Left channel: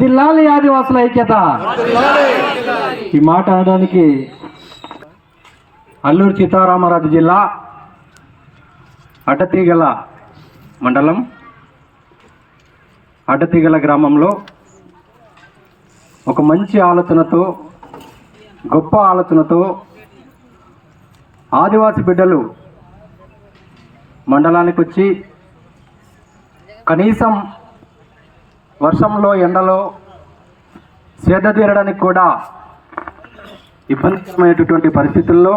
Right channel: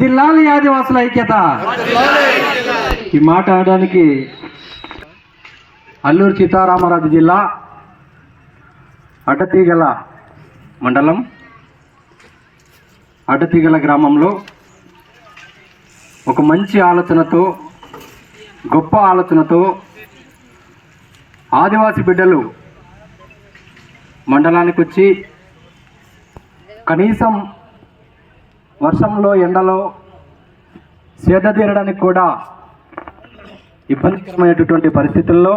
వర్ధిల్లాలి ఆదివాసుల ఐక్యత. ఈ మాట అనడానికి అల్లూరు సీతారామరాజు జిల్లా అడ్డతీగల మండలం అడ్డతీగల గ్రామంలో ఒక మంచి ఆలోచనతో గొప్ప ఆలోచనతో ఆదివాసి బిడ్డలు మండలానికి వచ్చి కనీసం వర్షంలో ఎండలో సేద తీరడానికి కూడా ఇబ్బందికరమైనటువంటి పరిస్థితుల్లో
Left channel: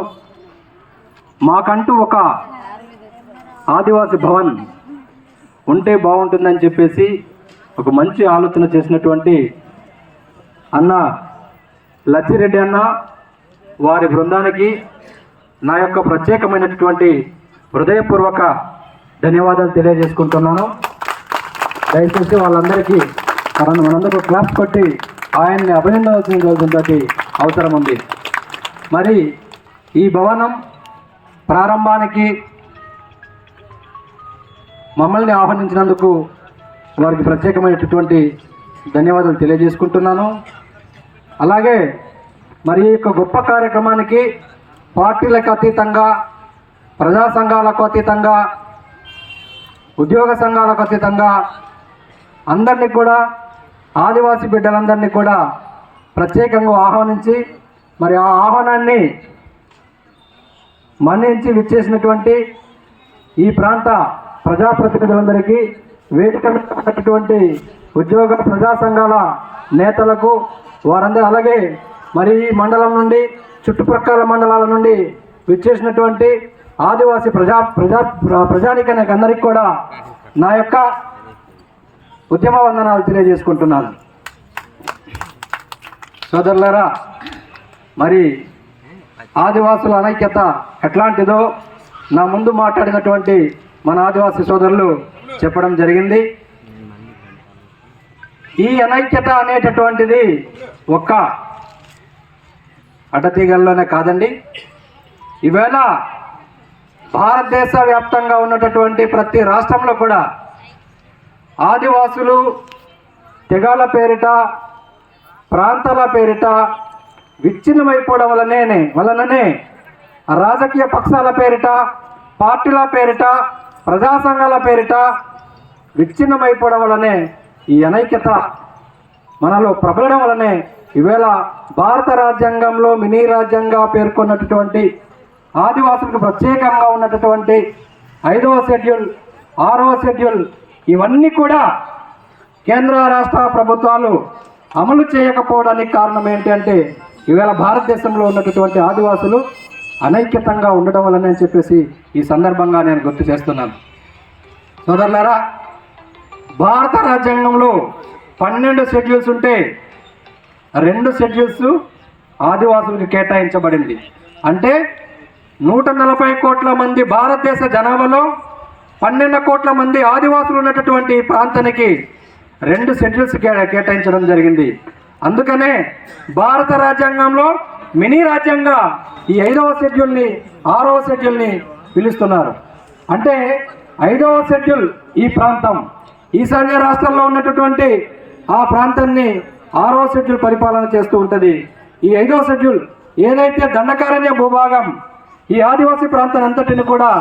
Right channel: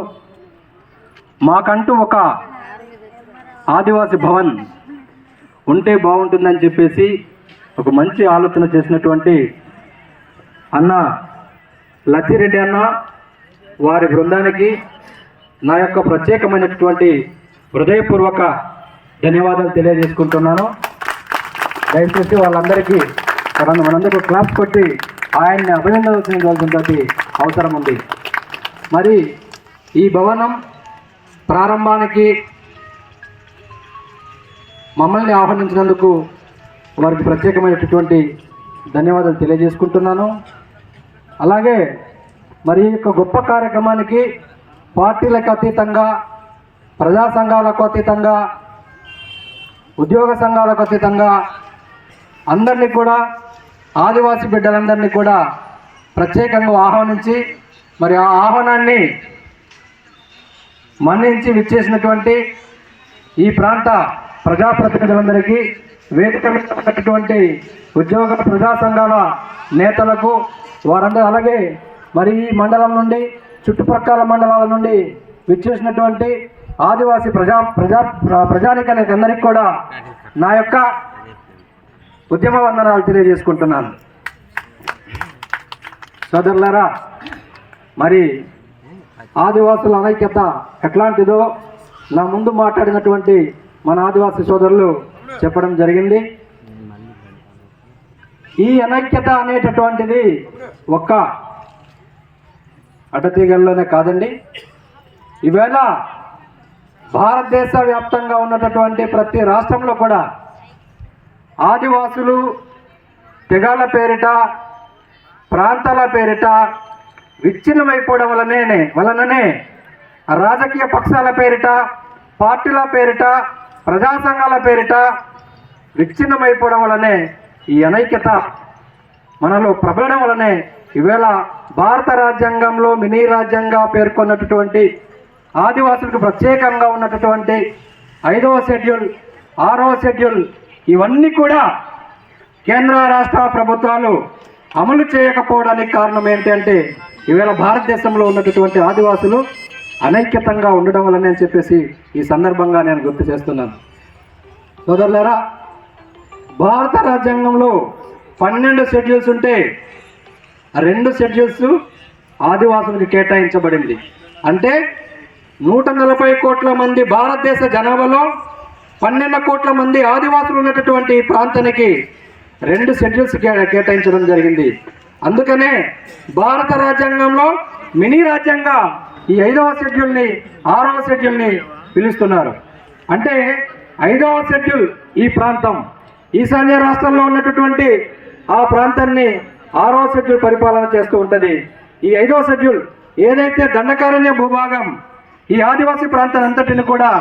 మాకంటూ ఒక ఆదివాసి భవన్ ఉంటే బాగుంటుందని చెప్పేసి ఒక మంచి ఆలోచన చేసినటువంటి అన్న లచ్చిరెడ్డి అన్న వారి బృందానికి నా యొక్క ప్రత్యేకమైనటువంటి హృదయపూర్వక ధన్యవాదాలు తెలియజేసుకుంటున్నాను. దయచేసి వాళ్ళందరికీ మనం మనందరూ క్లాస్ కొట్టి ఆయన్ని అభినందించవలసినటువంటి అవసరం ఉంది. మరి ఈ భవనం ప్రారంభానికి మమ్మల్ని ఆహ్వానించినందుకు వారికి ప్రత్యేకమైనటువంటి ధన్యవాదాలు తెలియజేసుకుంటున్నాను. అలాగే మరి యొక్క గొప్ప కార్యక్రమానికి పార్టీలకు అతీతంగా ప్రజా సంఘాలకు అతీతంగా ఉద్యోగ సంఘాలకు అతీతంగా అందరినీ కూడా ఆదివాసీ బిడ్డలందరినీ కూడా ప్రత్యేకంగా ఆహ్వానించి మరి ఆ ఆహ్వానాన్ని మన్నించి విచ్చేసినటువంటి ఈ ప్రాంత ప్రజాప్రతినిధులందరికీ వేదిక ఉన్నటువంటి ఉద్యోగ ప్రజా సంఘాల నేతలకు వారందరూ అలాగే మరి ఈ మండలం నుండి చుట్టుప్రక్కల మండలాల నుండి విచ్చేసినటువంటి ఆదివాసీ ప్రజా ప్రజా ప్రజానికానికి అందరికీ కూడా నా యొక్క ఉద్యమ వందనాలు తెలియజేసుకుంటున్నాను. సోదరులారా మరి ఆదివాసుల అనైక్యత ఎట్లాంటిదో నా ముందు మాట్లాడినటువంటి మన ఆదివాసీ సోదరులు చెప్పడం జరిగింది. ఈ అనైక్యత అనేటటువంటిది ఒక్క అడ్డతీగల్లోనే కాదండి. ఈవేళ భారతదేశ వ్యాప్తంగా ఉన్నటువంటి ప్రతి రాష్ట్రంలో కూడా ఆదివాసులు తెగాల పేరిట ప్రాంతాల పేరిట విచ్ఛిన్నమైపోవడం వలనే వలననే రాజకీయ పక్షాల పేరిట పార్టీల పేరిట ప్రజా సంఘాల పేరిట విచ్ఛిన్నమైపోవడం వలనే ఈ అనైక్యత మనలో ప్రబలడం వలనే ఈవేళ భారత రాజ్యాంగంలో మినీ రాజ్యంగా పేర్కొన్నటువంటి ఆదివాసులకు ప్రత్యేకంగా ఉన్నటువంటి ఐదవ షెడ్యూల్ ఆరవ షెడ్యూల్ ఇవన్నీ కూడా కేంద్ర రాష్ట్ర ప్రభుత్వాలు అమలు చేయకపోవడానికి కారణం ఏంటంటే ఈవేళ భారతదేశంలో ఉన్నటువంటి ఆదివాసులు అనైక్యతంగా ఉండడం వల్లనే అని చెప్పేసి ఈ సందర్భంగా నేను గుర్తు చేస్తున్నాను. సోదరులారా భారత రాజ్యాంగంలో పన్నెండు షెడ్యూల్స్ ఉంటే రెండు షెడ్యూల్స్ ఆదివాసులకు కేటాయించబడింది. అంటే నూట నలభై కోట్ల మంది భారతదేశ జనాభాలో పన్నెండు కోట్ల మంది ఆదివాసులు ఉన్నటువంటి ప్రాంతానికి రెండు షెడ్యూల్స్ కేటాయించడం జరిగింది. అందుకనే భారత రాజ్యాంగంలో మినీ రాజ్యాంగ ఈ ఐదవ షెడ్యూల్ని ఆరవ షెడ్యూల్ని పిలుస్తున్నారు. అంటే ఐదవ షెడ్యూల్ ఈ ప్రాంతం. ఈశాన్య రాష్ట్రంలో ఉన్నటువంటి ఆ ప్రాంతాన్ని ఆరవ షెడ్యూల్ పరిపాలన చేస్తూ ఉంటుంది. ఈ ఐదవ షెడ్యూల్ ఏదైతే దండకారణ్య భూభాగం ఈ ఆదివాసీ ప్రాంతం అంతటిని కూడా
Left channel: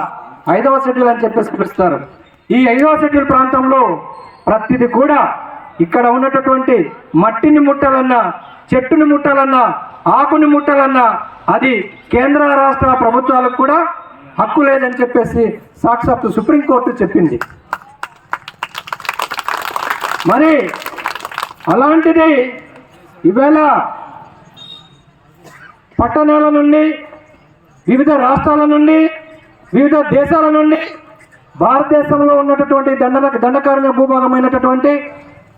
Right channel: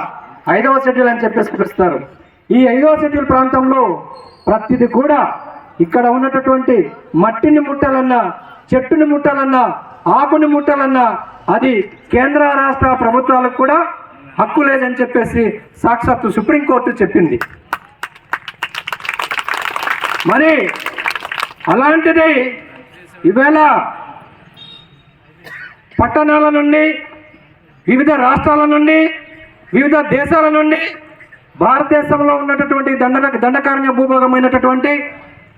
ఐదవ షెడ్యూల్ అని చెప్పేసి పిలుస్తారు. ఈ ఐదవ షెడ్యూల్ ప్రాంతంలో ప్రతిది కూడా ఇక్కడ ఉన్నటువంటి మట్టిని ముట్టాలన్నా చెట్టుని ముట్టాలన్నా ఆకుని ముట్టాలన్నా అది కేంద్ర రాష్ట్ర ప్రభుత్వాలకు కూడా హక్కు లేదని చెప్పేసి సాక్షాత్తు సుప్రీంకోర్టు చెప్పింది. మరి అలాంటిది ఈవేళ పట్టణాల నుండి వివిధ రాష్ట్రాల నుండి వివిధ దేశాల నుండి భారతదేశంలో ఉన్నటువంటి దండ దండకారణ్య భూభాగమైనటువంటి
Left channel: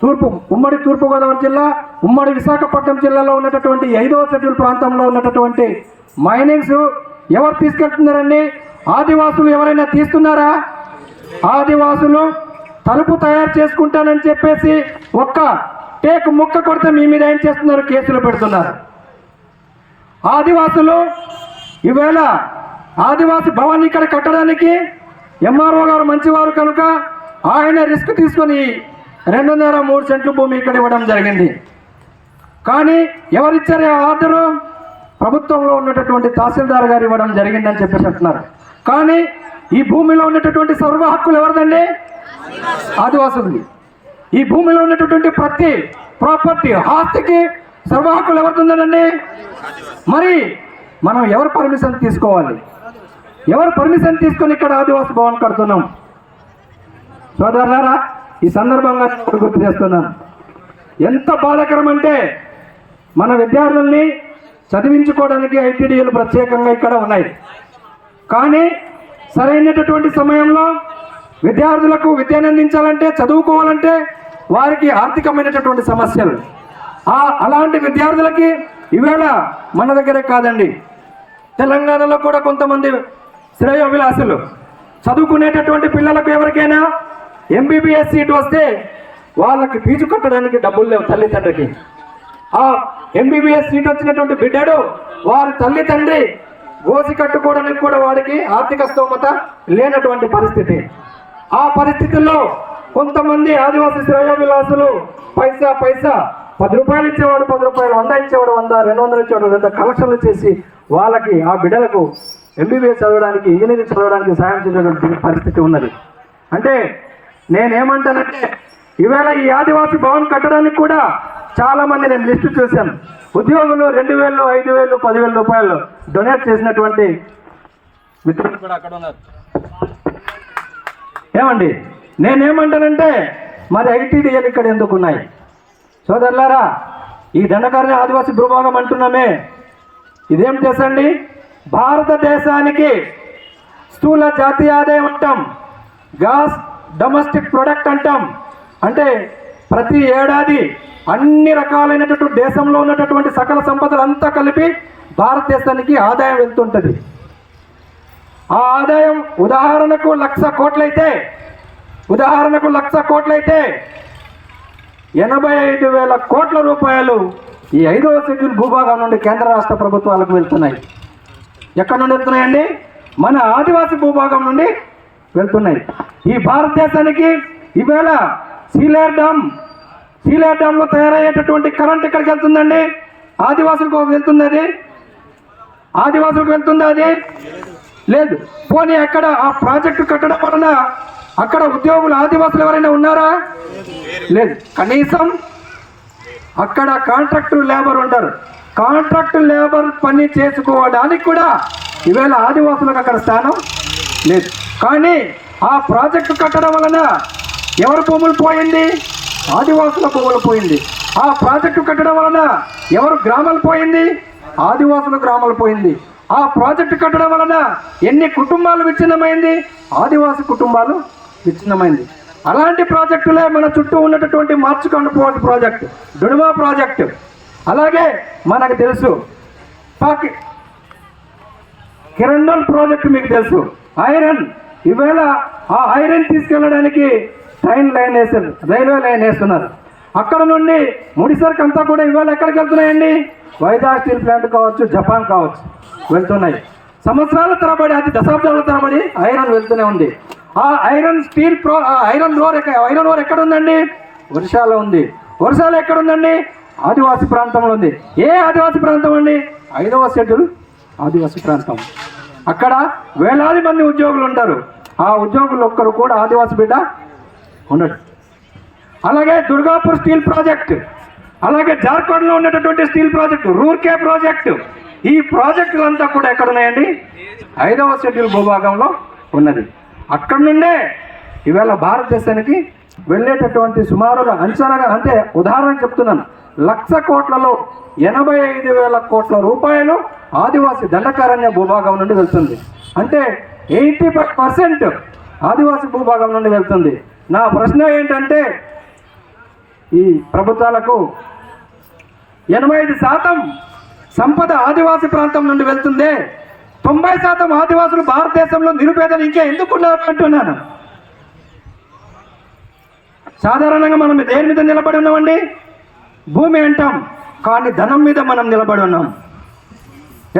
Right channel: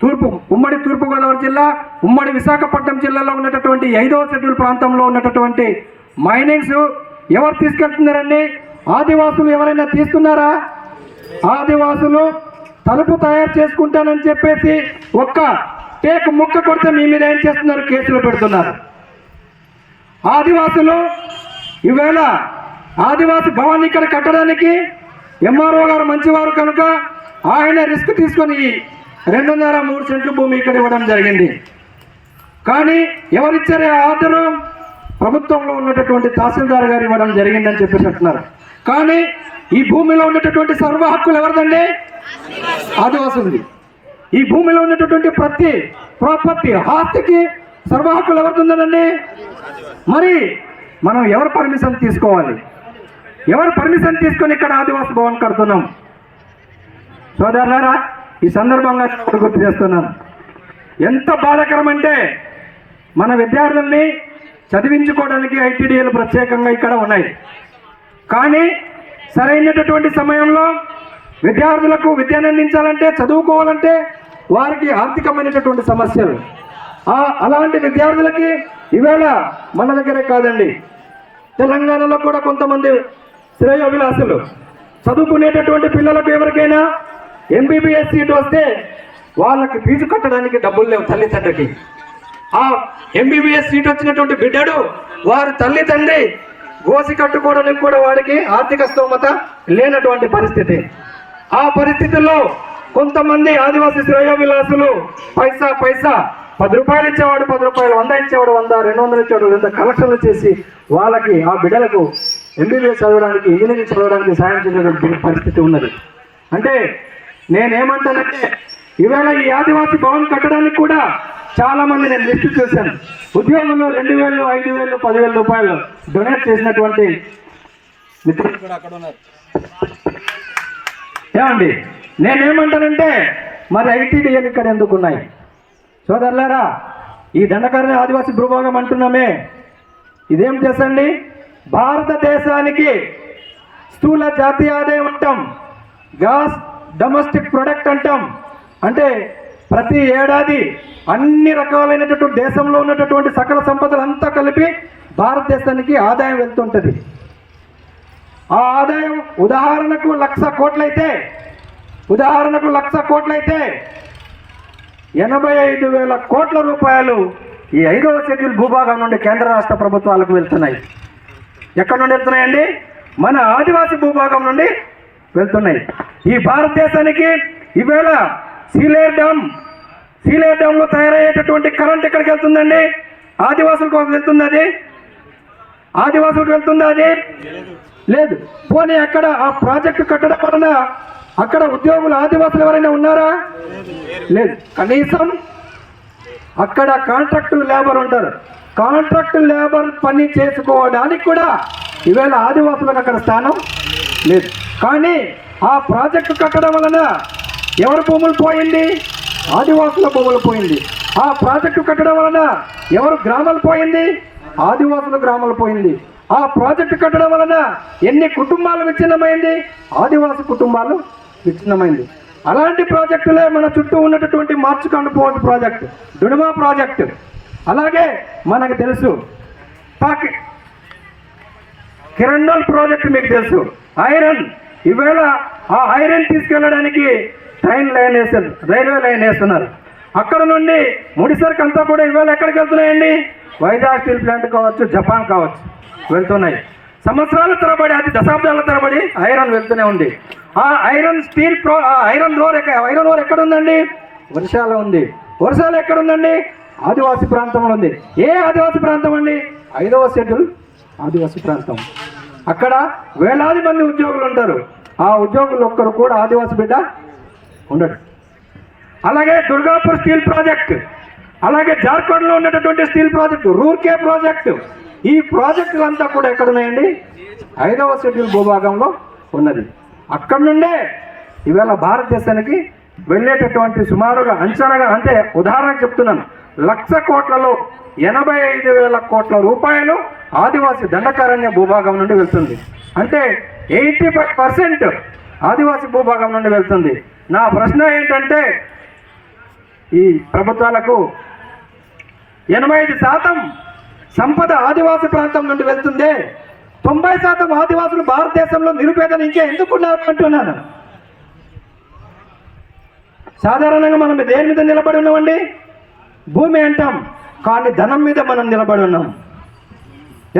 తూర్పు ఉమ్మడి తూర్పుగోదావరి జిల్లా ఉమ్మడి విశాఖపట్నం జిల్లాలో ఉన్నటువంటి ఐదవ షెడ్యూల్ ప్రాంతంలో ఉన్నటువంటి మైనింగ్స్ ఎవరు తీసుకెళ్తున్నారండి? ఆదివాసులు ఎవరైనా తీస్తున్నారా? ఆదివాసులు తలుపు తయారు చేసుకుంటానని చెప్పేసి ఒక్క టేక్ ముక్క కొడితే మీ మీద ఏం చేస్తున్నారు? కేసులు పెడుతున్నారు. ఆదివాసులు ఈవేళ ఆదివాసి భవన్ ఇక్కడ కట్టడానికి ఎంఆర్ఓ గారు మంచివారు కనుక ఆయన రిస్క్ తీసుకొని రెండున్నర మూడు సెంట్లు భూమి ఇక్కడ ఇవ్వడం జరిగింది. కానీ ఎవరిచ్చారే ఆర్డరు? ప్రభుత్వంలో ఉన్నటువంటి తహసీల్దార్ గారు ఇవ్వడం జరిగిందని చెప్పేసి అంటున్నారు. కానీ ఈ భూమిలో ఉన్నటువంటి సర్వ హక్కులు ఎవరిదండి? ఆదివాసులది. ఈ భూమిలో ఉన్నటువంటి ప్రతి ప్రాపర్టీ ఆస్తికి సర్వ హక్కులు ఎవరిది మరి మనం ఎవరు పర్మిషన్ తీసుకోవాలి? ఎవరు పర్మిషన్ తీసుకొని ఇక్కడ ఆదివాస భవన్ కడుతున్నాం? సోదరులారా ఈ సందర్భంగా నేను గుర్తు చేస్తున్నాను. ఎంత బాధాకరం అంటే మన విద్యార్థుల్ని చదివించుకోవడానికి ఐటీడీలు ప్రత్యేకంగా ఇక్కడ ఉన్నాయి. కానీ సరైనటువంటి సమయంలో విద్యార్థులకు విద్యను అందించాలంటే చదువుకోవాలంటే వారికి ఆర్థికమైనటువంటి సమస్యలు. ఆ అలాంటి విద్యార్థులకి ఈవేళ మన దగ్గరే కాదండి. తెలంగాణలో కూడా కొంతమంది శ్రేయోభిలాసులు చదువుకునేటటువంటి పిల్లలకు ఎవరికైనా ఎంబీబీఎస్ సీట్ వస్తే వాళ్ళకి ఫీజు కట్టడానికి డబ్బులు లేవు తల్లిదండ్రికి ఆ ఎంబీబీఎస్ సీట్ వచ్చినటువంటి బిడ్డడు వారి తల్లిదండ్రి గోసి కట్టుకోవడానికి కూడా వాడికి ఆర్థిక స్తోమత లేనటువంటి పరిస్థితి. ఆ పరిస్థితుల్లో కొంతమంది ఆదివాసీ శ్రేయ విలాసులు పైసా పైసా పది రూపాయలు ఇచ్చేవాడు పది రూపాయలు వంద ఇచ్చేవాడు వంద రెండు వందలు ఇచ్చేవాడు రెండు కలెక్షన్లు చేసి వాళ్ళకి ఆ బిడ్డలకు ఎంబీబీఎస్ చదవడానికి ఇంజనీరింగ్ చదవడానికి సాయం చేసేటువంటి పరిస్థితి ఉన్నది. అంటే నేనేమంటానంటే ఇవాళ ఈ ఆదివాసీ భవన్ కట్టడానికి కూడా చాలా మంది నేను లిస్టు చూశాను. ఉద్యోగులు రెండు వేలు ఐదు వేలు పదివేల రూపాయలు డొనేట్ చేసినటువంటి మిత్రులు కూడా అక్కడ ఉన్నారు. ఏమండి? నేనేమంటానంటే మరి ఐటీడీఎల్ ఇక్కడ ఎందుకు ఉన్నాయి? సోదరులారా ఈ దండకారణ ఆదివాసీ భూభాగం అంటున్నామే. ఇదేం చేసండి భారతదేశానికి స్థూల జాతీయ ఆదాయం అంటాం. గ్యాస్ డొమెస్టిక్ ప్రొడక్ట్ అంటాం. అంటే ప్రతి ఏడాది అన్ని రకాలైనటువంటి దేశంలో ఉన్నటువంటి సకల సంపదలు అంతా కలిపి భారతదేశానికి ఆదాయం వెళ్తుంటుంది. ఆ ఆదాయం ఉదాహరణకు లక్ష కోట్లయితే ఉదాహరణకు లక్ష కోట్లయితే ఎనభై ఐదు వేల కోట్ల రూపాయలు ఈ ఐదవ షెడ్యూల్ భూభాగం నుండి కేంద్ర రాష్ట్ర ప్రభుత్వాలకు వెళ్తున్నాయి. ఎక్కడ నుండి వెళ్తున్నాయండి? మన ఆదివాసీ భూభాగం నుండి వెళ్తున్నాయి. ఈ భారతదేశానికి ఈవేళ సీలేర్ డ్యామ్ సీలేర్ డ్యామ్లో తయారయ్యేటటువంటి కరెంట్ ఎక్కడికి వెళ్తుందండి? ఆదివాసులకు వెళ్తుంది అది? ఆదివాసులకు వెళ్తుందా అది? లేదు. పోనీ అక్కడ ఆ ప్రాజెక్టు కట్టడం వలన అక్కడ ఉద్యోగులు ఆదివాసులు ఎవరైనా ఉన్నారా? లేదు. కనీసం అక్కడ కాంట్రాక్టు లేబర్ ఉంటారు కాంట్రాక్ట్ లేబర్ పని చేసుకోవడానికి కూడా ఈవేళ ఆదివాసులకు అక్కడ స్థానం లేదు. కానీ ఆ ప్రాజెక్టు కట్టడం వలన ఎవరి భూములు పోయింది? ఆదివాసుల భూములు పోయింది. ఆ ప్రాజెక్టు కట్టడం వలన ఎవరు గ్రామాలు పోయింది? ఆదివాసుల గ్రామాలు పోయింది. ఆ ప్రాజెక్టు కట్టడం వలన ఎన్ని కుటుంబాలు విచ్ఛిన్నమైంది? ఆదివాసి కుటుంబాలు విచ్ఛిన్నమైంది. అలాంటి ప్రాజెక్టులే మన చుట్టూ ఉన్నటువంటి మార్చుకొని పోవటి ప్రాజెక్టు డుడుమా ప్రాజెక్టు. అలాగే మనకు తెలుసు. పాకి ప్రాజెక్ట్ మీకు తెలుసు. ఐరన్ ఈవేళ ఆ ఐరన్ తీసుకెళ్ళడానికి ట్రైన్ లైన్ వేస్తారు రైల్వే లైన్ వేస్తున్నారు. అక్కడ నుండి ముడిసరికి అంతా కూడా ఇవాళ ఎక్కడికి వెళ్తున్నాయండి? వైజాగ్ స్టీల్ ప్లాంట్ కావచ్చు జపాన్ కావచ్చు వెళ్తున్నాయి. సంవత్సరాల తరబడి అది దశాబ్దాల తరబడి ఐరన్ వెళ్తూనే ఉంది. ఆ ఐరన్ స్టీల్ ప్రో ఆ ఐరన్ రోర్ ఐరన్ రోర్ ఎక్కడ ఉందండి? ఒరిస్సాలో ఉంది. ఒరిస్సాలో ఎక్కడ ఉందండి? ఆదివాసీ ప్రాంతంలో ఉంది. ఏ ఆదివాసీ ప్రాంతం అండి? ఐదవ షెడ్యూల్ ఆదివాసీ ప్రాంతం. అక్కడ వేలాది మంది ఉద్యోగులు ఉంటారు. ఆ ఉద్యోగులు ఒక్కరు కూడా ఆదివాసీ బిడ్డ ఉండడు అలాగే దుర్గాపూర్ స్టీల్ ప్రాజెక్ట్ అలాగే జార్ఖండ్లో ఉన్నటువంటి స్టీల్ ప్రాజెక్టు రూర్కే ప్రాజెక్ట్. ఈ ప్రాజెక్టులంతా కూడా ఎక్కడ ఉన్నాయండి? ఐదవ షెడ్యూల్ భూభాగంలో ఉన్నది. అక్కడ నుండే ఈవేళ భారతదేశానికి వెళ్ళేటటువంటి సుమారుగా అంచనాగా అంటే ఉదాహరణ చెప్తున్నాను. లక్ష కోట్లలో ఎనభై ఐదు వేల కోట్ల రూపాయలు ఆదివాసీ దండకారణ్య భూభాగం నుండి వెళ్తుంది. అంటే ఎయిటీ ఫైవ్ పర్సెంట్ ఆదివాసీ భూభాగం నుండి వెళ్తుంది. నా ప్రశ్న ఏంటంటే ఈ ప్రభుత్వాలకు ఎనభై ఐదు శాతం సంపద ఆదివాసీ ప్రాంతం నుండి వెళ్తుందే. తొంభై శాతం ఆదివాసులు భారతదేశంలో నిరుపేదలు ఇంకా ఎందుకున్నారు అంటున్నాను. సాధారణంగా మనం దేని మీద నిలబడి ఉన్నామండి? భూమి అంటాం. కానీ ధనం మీద మనం నిలబడి ఉన్నాం.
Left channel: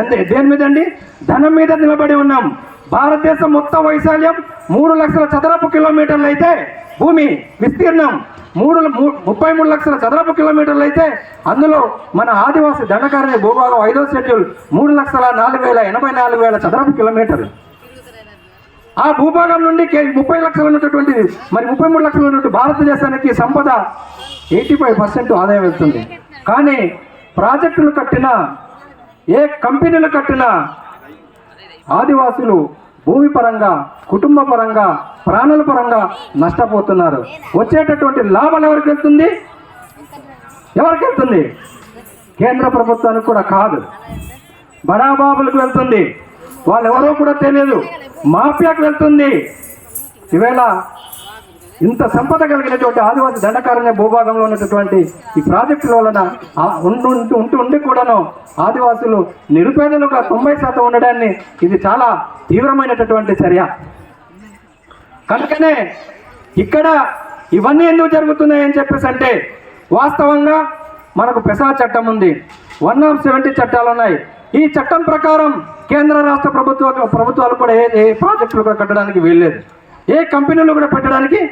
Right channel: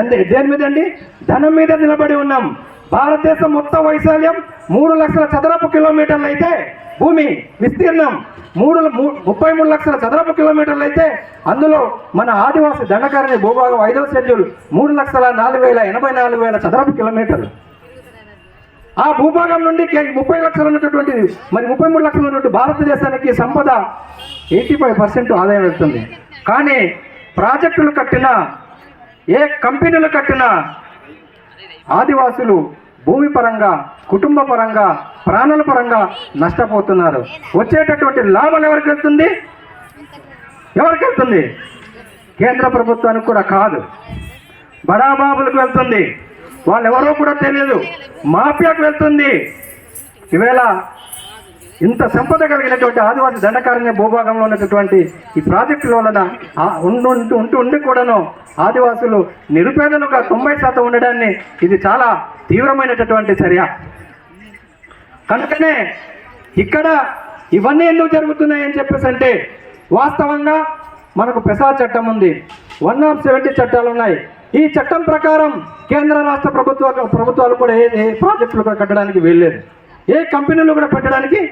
ఎంత దేని మీద అండి? ధనం మీద నిలబడి ఉన్నాం. భారతదేశం మొత్తం వైశాల్యం మూడు లక్షల చదరపు కిలోమీటర్లు అయితే భూమి విస్తీర్ణం మూడు ముప్పై మూడు లక్షల చదరపు కిలోమీటర్లు అయితే అందులో మన ఆదివాసి దండకారణి భూభాగం ఐదో షెడ్యూల్ మూడు లక్షల నాలుగు వేల ఎనభై నాలుగు వేల చదరపు కిలోమీటర్లు. ఆ భూభాగం నుండి ముప్పై లక్షలు ఉన్నటువంటి మరి ముప్పై మూడు లక్షలు ఉన్నటువంటి భారతదేశానికి సంపద ఎయిటీ ఫైవ్ పర్సెంట్ ఆదాయం వెళ్తుంది. కానీ ప్రాజెక్టులు కట్టిన ఏ కంపెనీలు కట్టినా ఆదివాసులు భూమి పరంగా కుటుంబ పరంగా ప్రాణుల పరంగా నష్టపోతున్నారు. వచ్చేటటువంటి లాభాలు ఎవరికి వెళ్తుంది? ఎవరికి వెళ్తుంది? కేంద్ర ప్రభుత్వానికి కూడా కాదు. బడాబాబులకు వెళ్తుంది. వాళ్ళు ఎవరో కూడా తెలియదు. మాఫియాకు వెళ్తుంది. ఈవేళ ఇంత సంపద కలిగినటువంటి ఆదివాసి దండకారణ్య భూభాగంలో ఉన్నటువంటి ఈ ప్రాజెక్టుల వలన ఉండు ఉంటూ ఉంటూ ఉండి కూడాను ఆదివాసులు నిరుపేదలుగా తొంభై శాతం ఉండడాన్ని ఇది చాలా తీవ్రమైనటువంటి చర్య. కనుకనే ఇక్కడ ఇవన్నీ ఎందుకు జరుగుతున్నాయని చెప్పేసి అంటే వాస్తవంగా మనకు పెసా చట్టం ఉంది. వన్ ఆఫ్ సెవెంటీ చట్టాలు ఉన్నాయి. ఈ చట్టం ప్రకారం కేంద్ర రాష్ట్ర ప్రభుత్వ ప్రభుత్వాలు కూడా ఏ ఏ ప్రాజెక్టులు కూడా కట్టడానికి వీల్లేదు. ఏ కంపెనీలు కూడా పెట్టడానికి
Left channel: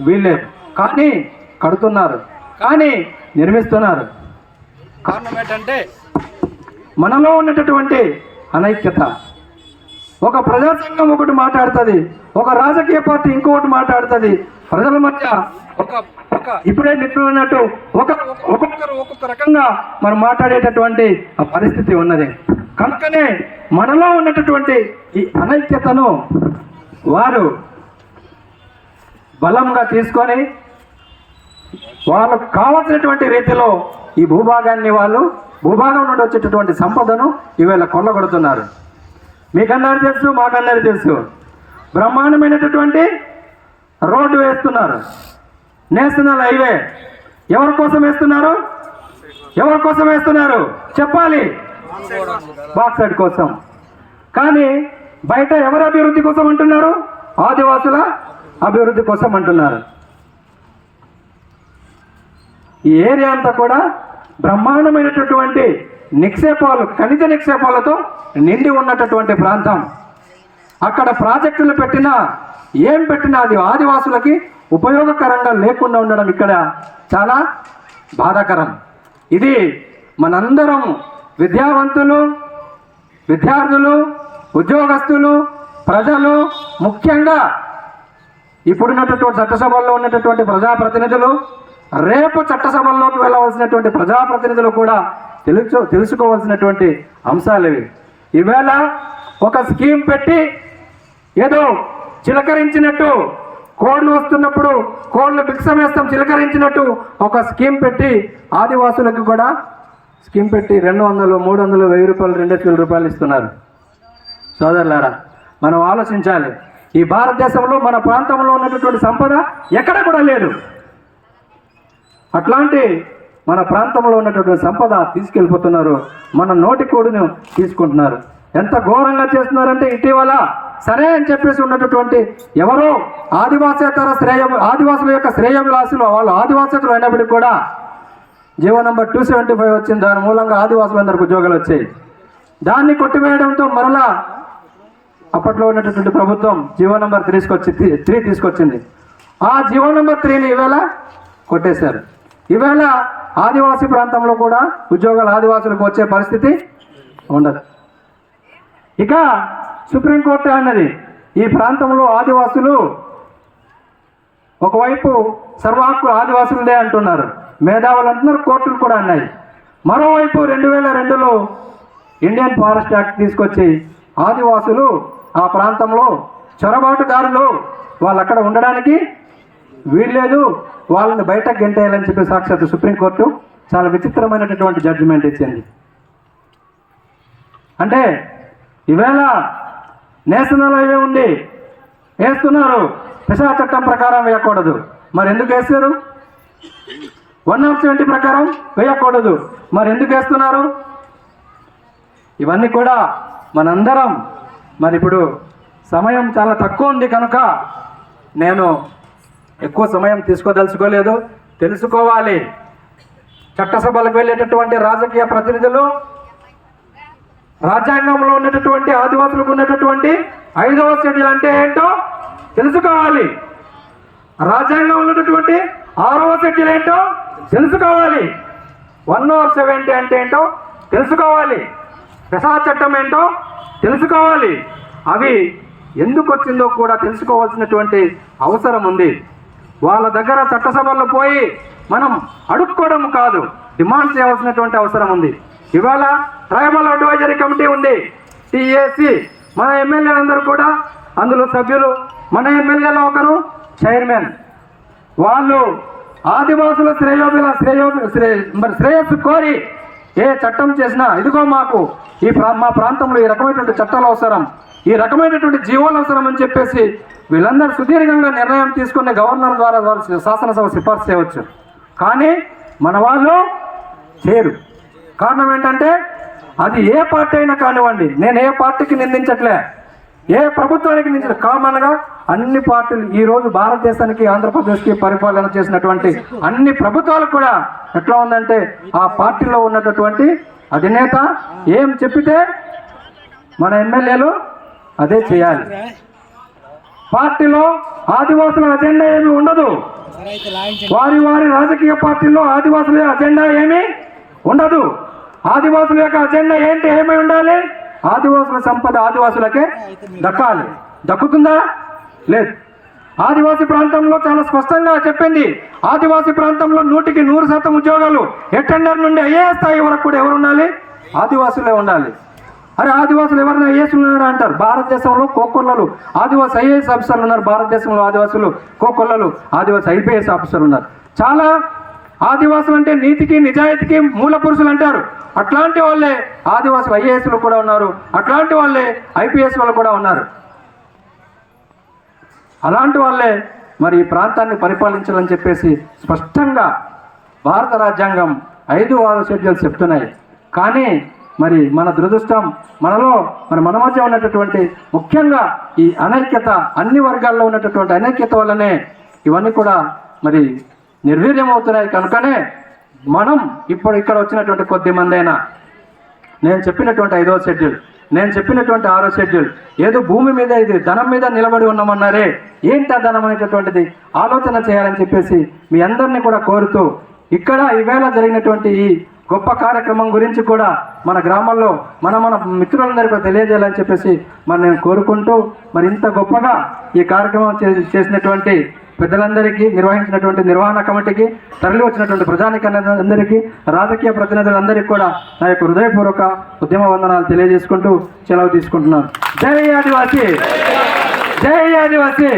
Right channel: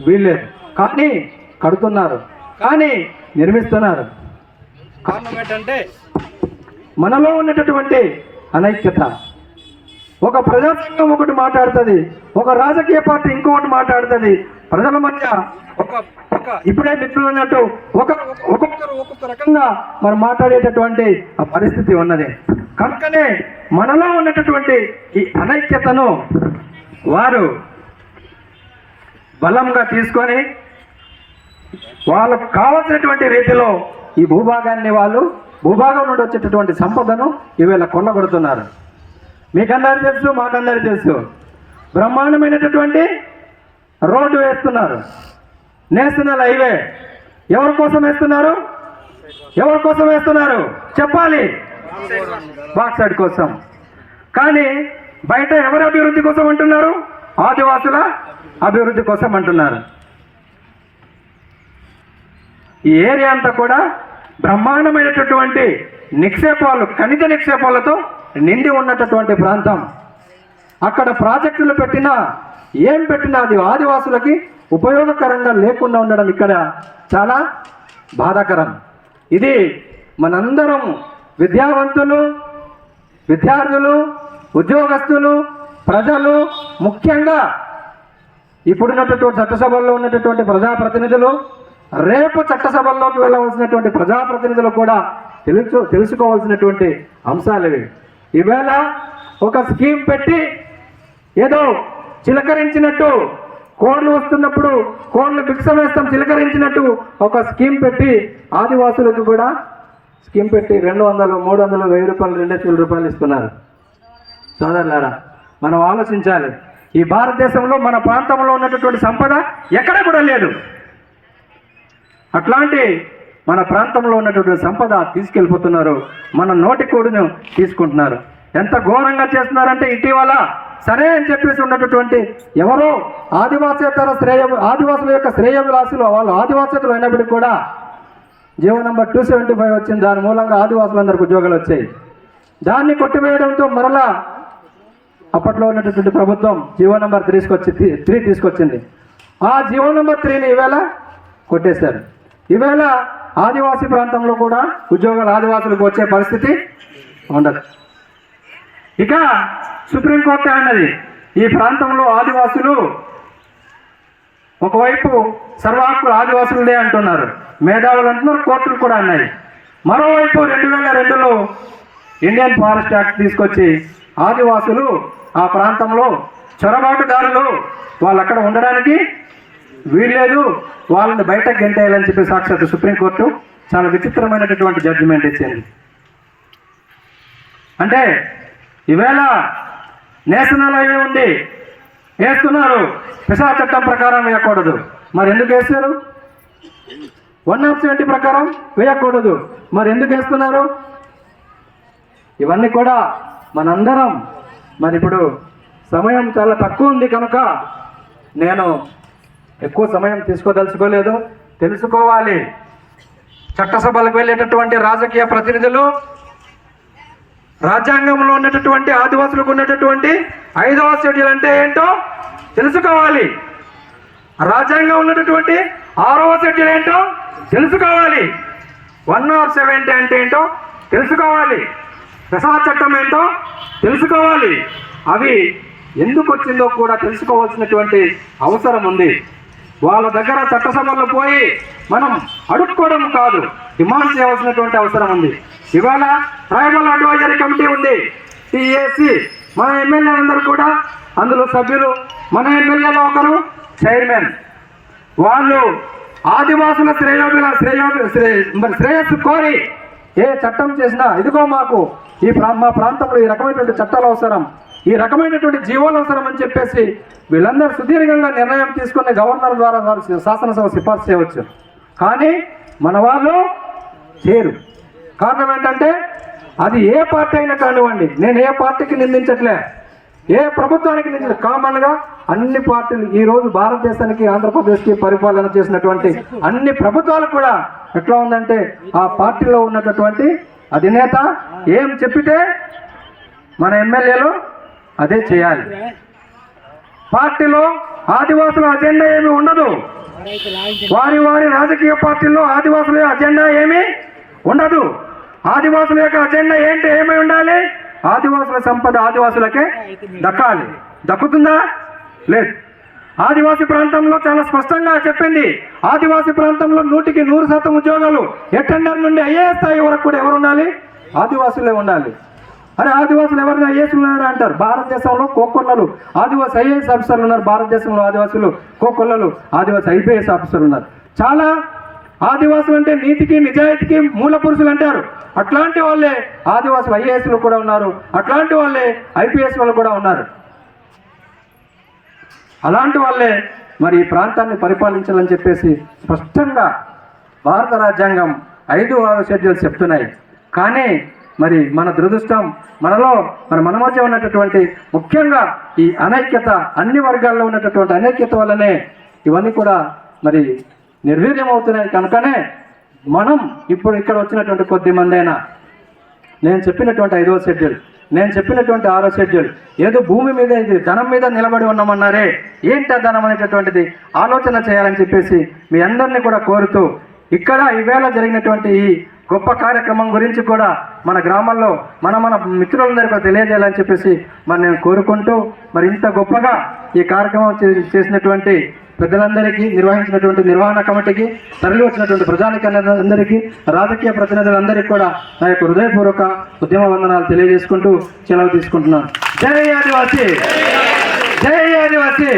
వీల్లేదు. కానీ కడుతున్నారు. కానీ నిర్మిస్తున్నారు. కారణం ఏంటంటే మనలో ఉన్నటువంటి అనైక్యత. ఒక ప్రజాసంఘం ఒకటి మాట్లాడుతుంది. ఒక రాజకీయ పార్టీ ఇంకొకటి మాట్లాడుతుంది. ప్రజల మధ్య ఒక ఒక ఇప్పుడే అన్నట్టు ఒకరు ఒక్కొక్కరు ఒక్కొక్క రకంగా మనం మాట్లాడేటటువంటి ఆ పరిస్థితి ఉన్నది. కనుకనే మనలో ఉన్నటటువంటి ఈ అనైక్యతను వారు బలంగా తీసుకొని వాళ్ళకు కావలసినటువంటి రీతిలో ఈ భూభాగాన్ని వాళ్ళు భూభాగం నుండి వచ్చేటటువంటి సంపదను ఈవేళ కొల్లగొడుతున్నారు. మీకన్నారు తెలుసు మాకన్నారు తెలుసు. బ్రహ్మాండమైనటువంటి రోడ్డు వేస్తున్నారు. నేస్తున్నారు హైవే ఎవరి కోసం వేస్తున్నారు? ఎవరి కోసం వేస్తున్నారు? చెప్పాలి. బాక్సైడ్ కోసం. కానీ బయట ఎవరి అభివృద్ధి కోసం అంటున్నారు? ఆదివాసుల అభివృద్ధి కోసం అంటున్నారు. ఈ ఏరియా అంతా కూడా బ్రహ్మాండమైనటువంటి నిక్షేపాలు ఖనిజ నిక్షేపాలతో నిండి ఉన్నటువంటి ప్రాంతం. అక్కడ ప్రాజెక్టులు పెట్టినా ఏం పెట్టినా అది ఆదివాసులకి ఉపయోగకరంగా లేకుండా ఉండడం ఇక్కడ చాలా బాధాకరం. ఇది మనందరం విద్యావంతులు విద్యార్థులు ఉద్యోగస్తులు ప్రజలు ముఖ్యంగా ఇప్పుడున్నటువంటి చట్టసభల్లో ఉన్నటువంటి ప్రజాప్రతినిధులు రేపు చట్టసభల్లోకి వెళ్ళవలసినటువంటి ప్రజాప్రతినిధులు కూడా తెలుసు తెలుసుకోవాల్సినటువంటి అంశాలు ఇవి. ఈవేళ ఒక స్కీమ్ పెట్టి ఏదో చిలకరించినట్టు కోళ్ళు వస్తున్నప్పుడు కోళ్ళు భిక్షం చిలకరించినట్టు ఒక స్కీమ్ పెట్టి ఆదివాసులకు కూడా స్కీమ్ పెట్టి రెండు వందలు మూడు వందలు వెయ్యి రూపాయలు రెండు వేల రూపాయలు ఇస్తున్నారు. సోదరులారా మనం ఆలోచించాలి. ఈ భారతదేశంలో మన ప్రాంతంలో ఉన్నటువంటి సంపద ఎక్కడ కూడా లేదు. అట్లాంటి మన ప్రాంతంలో ఉన్నటువంటి సంపద తీసుకెళ్ళిపోతున్నారు. మన నోటి కోడును తీసుకుంటున్నారు. ఎంత ఘోరంగా చేస్తున్నారంటే ఇటీవల సరే అని చెప్పేసి ఉన్నటువంటి ఎవరో ఆదివాసేతర శ్రేయ ఆదివాసుల యొక్క శ్రేయవిలాసులు వాళ్ళు ఆదివాసేతలు అయినప్పటికీ కూడా GO number two seventy five వచ్చింది. దాని మూలంగా ఆదివాసులందరికీ ఉద్యోగాలు వచ్చాయి. దాన్ని కొట్టివేయడంతో మరలా అప్పట్లో ఉన్నటువంటి ప్రభుత్వం జీవో నంబర్ తీసుకొచ్చి త్రీ తీసుకొచ్చింది. ఆ జీవో నంబర్ త్రీని ఈవేళ కొట్టేశారు. ఈవేళ ఆదివాసీ ప్రాంతంలో కూడా ఉద్యోగాలు ఆదివాసులకు వచ్చే పరిస్థితి ఉండదు. ఇక సుప్రీంకోర్టు అన్నది. ఈ ప్రాంతంలో ఆదివాసులు ఒకవైపు సర్వహక్కులు ఆదివాసులదే అంటున్నారు. మేధావులు అంటున్నారు కోర్టులు కూడా అన్నాయి. మరోవైపు రెండు వేల రెండులో ఇండియన్ ఫారెస్ట్ యాక్ట్ తీసుకొచ్చి ఆదివాసులు ఆ ప్రాంతంలో చొరబాటుదారులు వాళ్ళు అక్కడ ఉండడానికి వీల్లేదు వాళ్ళని బయటకు గెంటేయాలని చెప్పి సాక్షాత్ సుప్రీంకోర్టు చాలా విచిత్రమైనటువంటి జడ్జిమెంట్ ఇచ్చింది. అంటే ఈవేళ నేషనల్ హైవే ఉంది వేస్తున్నారు. పిసా చట్టం ప్రకారం వేయకూడదు. మరి ఎందుకు వేస్తారు? వన్ ఆఫ్ సెవెంటీ ప్రకారం వేయకూడదు. మరి ఎందుకు వేస్తున్నారు? ఇవన్నీ కూడా మనందరం మరి ఇప్పుడు సమయం చాలా తక్కువ ఉంది కనుక నేను ఎక్కువ సమయం తీసుకోదలుచుకోలేదు. తెలుసుకోవాలి. చట్టసభలకు వెళ్ళేటటువంటి రాజకీయ ప్రతినిధులు రాజ్యాంగంలో ఉన్నటువంటి ఆదివాసులకు ఉన్నటువంటి ఐదవ షెడ్యూల్ అంటే ఏంటో తెలుసుకోవాలి. రాజ్యాంగం ఉన్నటువంటి ఆరవ షెడ్యూల్ ఏంటో తెలుసుకోవాలి. వన్ ఆఫ్ సెవెంటీ అంటే ఏంటో తెలుసుకోవాలి. ప్రసాద చట్టం ఏంటో తెలుసుకోవాలి. అవి ఎందుకు వచ్చిందో కూడా తెలుసుకోవాల్సినటువంటి అవసరం ఉంది. వాళ్ళ దగ్గర చట్టసభల్లో పోయి మనం అడుక్కోవడం కాదు డిమాండ్ చేయవలసినటువంటి అవసరం ఉంది. ఇవాళ ట్రైబల్ అడ్వైజరీ కమిటీ ఉంది. టిఏసి మన ఎమ్మెల్యేలందరూ కూడా అందులో సభ్యులు మన ఎమ్మెల్యేలో ఒకరు చైర్మన్. వాళ్ళు ఆదివాసుల శ్రేయోభిల శ్రేయోభి శ్రే మరి శ్రేయస్సు కోరి ఏ చట్టం చేసినా ఇదిగో మాకు ఈ ప్రా మా ప్రాంతంలో ఈ రకమైనటువంటి చట్టాలు అవసరం. ఈ రకమైనటువంటి జీవోలు అవసరం అని చెప్పేసి వీళ్ళందరూ సుదీర్ఘంగా నిర్ణయం తీసుకున్న గవర్నర్ ద్వారా వారు శాసనసభ సిఫార్సు చేయవచ్చు. కానీ మన వాళ్ళు చేయరు కారణం ఏంటంటే అది ఏ పార్టీ అయినా కానివ్వండి నేను ఏ పార్టీకి నిందించట్లే. ఏ ప్రభుత్వానికి నిందించ కామన్గా అన్ని పార్టీలు ఈ రోజు భారతదేశానికి ఆంధ్రప్రదేశ్కి పరిపాలన చేసినటువంటి అన్ని ప్రభుత్వాలు కూడా ఎట్లా ఉందంటే ఆ పార్టీలో ఉన్నటువంటి అధినేత ఏం చెప్పితే మన ఎమ్మెల్యేలు అదే చేయాలి. పార్టీలో ఆదివాసుల అజెండా ఏమి ఉండదు. వారి వారి రాజకీయ పార్టీల్లో ఆదివాసుల అజెండా ఏమీ ఉండదు. ఆదివాసుల యొక్క అజెండా ఏంటి? ఏమై ఉండాలి? ఆదివాసుల సంపద ఆదివాసులకే దక్కాలి. దక్కుతుందా? లేదు. ఆదివాసీ ప్రాంతంలో చాలా స్పష్టంగా చెప్పింది. ఆదివాసీ ప్రాంతంలో నూటికి నూరు శాతం ఉద్యోగాలు ఎటెండర్ నుండి అయ్యే స్థాయి వరకు కూడా ఎవరు ఉండాలి? ఆదివాసులే ఉండాలి. అరే ఆదివాసులు ఎవరిని ఐఏఎస్ ఉన్నారా అంటారు? భారతదేశంలో కోకొల్లలు. ఆదివాసీ ఐఏఎస్ ఆఫీసర్లు ఉన్నారు. భారతదేశంలో ఆదివాసులు కోకొల్లలు. ఆదివాసీ ఐపీఎస్ ఆఫీసర్లు ఉన్నారు. చాలా ఆదివాసులు అంటే నీతికి నిజాయితీకి మూల పురుషులు అంటారు. అట్లాంటి వాళ్ళే ఆదివాసులు ఐఏఎస్లు కూడా ఉన్నారు. అట్లాంటి వాళ్ళే ఐపీఎస్ వాళ్ళు కూడా ఉన్నారు. అలాంటి వాళ్ళే మరి ఈ ప్రాంతాన్ని పరిపాలించాలని చెప్పేసి స్పష్టంగా భారత రాజ్యాంగం ఐదు ఆరు షెడ్యూల్స్ చెప్తున్నాయి. కానీ మరి మన దురదృష్టం మనలో మన మన మధ్య ఉన్నటువంటి ముఖ్యంగా ఈ అనైక్యత అన్ని వర్గాల్లో ఉన్నటువంటి అనైక్యత వల్లనే ఇవన్నీ కూడా మరి నిర్వీర్యం అవుతున్నాయి కనుకనే మనం ఇప్పుడు ఇక్కడ వచ్చినటువంటి కొద్ది మందైనా నేను చెప్పినటువంటి ఐదవ షెడ్యూల్ నేను చెప్పినటువంటి ఆరో షెడ్యూల్ ఏదో భూమి మీద ఇది ధనం మీద నిలబడి ఉన్నామన్నారే ఏంటి ఆ ధనం అనేటటువంటిది? ఆలోచన చేయాలని చెప్పేసి మీ అందరినీ కూడా కోరుతూ ఇక్కడ ఈవేళ జరిగినటువంటి ఈ గొప్ప కార్యక్రమం గురించి కూడా మన గ్రామంలో మన మన మిత్రులందరూ కూడా తెలియజేయాలని చెప్పేసి మరి నేను కోరుకుంటూ మరి ఇంత గొప్పగా ఈ కార్యక్రమం చే- చేసినటువంటి పెద్దలందరికీ నిర్వహించినటువంటి నిర్వహణ కమిటీకి తరలి వచ్చినటువంటి ప్రజానికందరికీ రాజకీయ ప్రతినిధులందరికీ కూడా నా యొక్క హృదయపూర్వక ఉద్యమ వందనాలు తెలియజేసుకుంటూ సెలవు తీసుకుంటున్నాను. జై ఆదివాసీ! జై ఆదివాసీ!